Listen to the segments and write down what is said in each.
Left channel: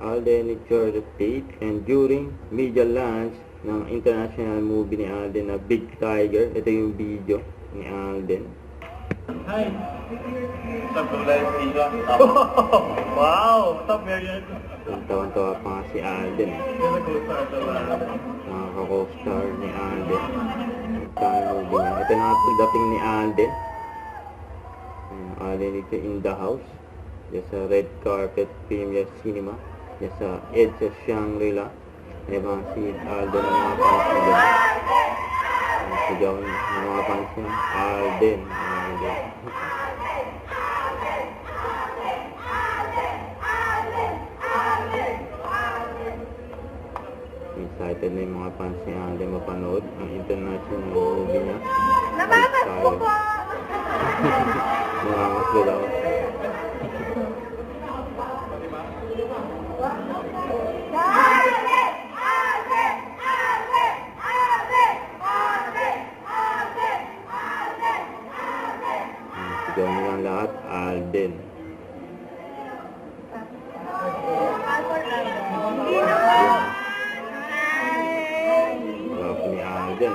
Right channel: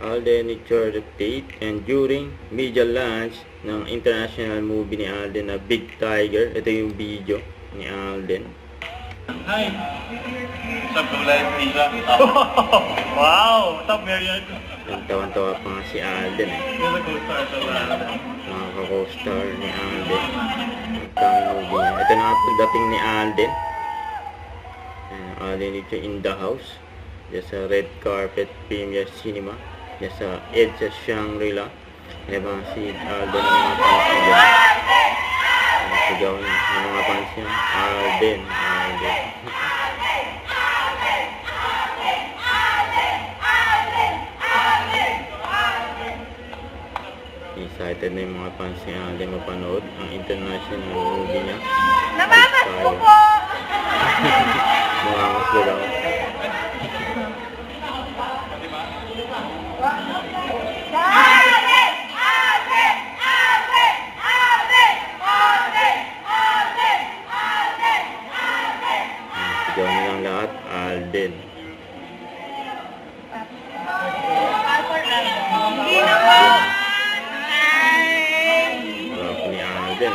Alden Richard Tate, and during media launch ng international movie ni Alden na Big Tiger. Ito yung video ni Alden. Hi! What's up, Live Pizza? Wow! What's up, Marian? Tawan-tawa pa nga si Alden eh. Yung nag-co-star sa Nakaka-co-star ni Alden. Ang movie niya. Ito na nga po dating ni Alden. Alden dito in the house. Diyan sa red carpet premiere cinema. Diyan sa EDSA Shangri-La. Habang si Alden ang mga fans niya dyan. Ang sigaw niya. Ang mga fans niya. Alden. Alden. Excited na yung mga fans niya Alden mapanood ang international movie niya. Namamas ko po! Namamas ko daw. Sigaw nilang lahat, Alden. Harap ni Alden.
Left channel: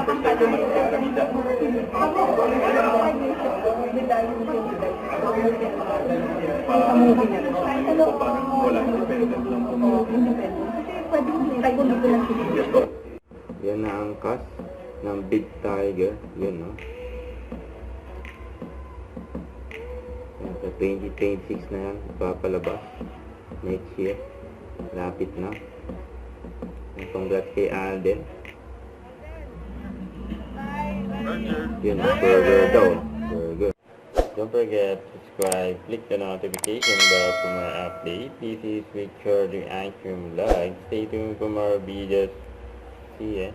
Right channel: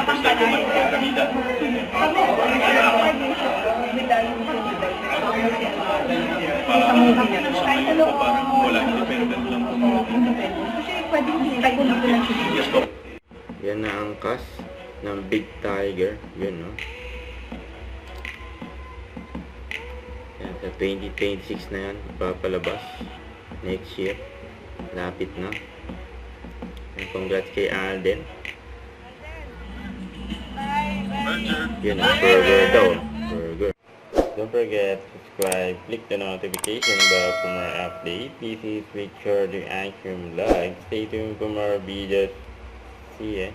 First time ko magkakamida. Parang wala, independent lang po. Yan na ang cast ng Big Tiger. Yun, no? Yan, sa 2026 na yan. Ipapalabas. Next year. Lapit na. And congrats kay Alden. Yun ang burger daw. Burger. Don't forget to subscribe, click the notification bell for more updates. This is Richard the Action Vlog. Stay tuned for more videos. See ya.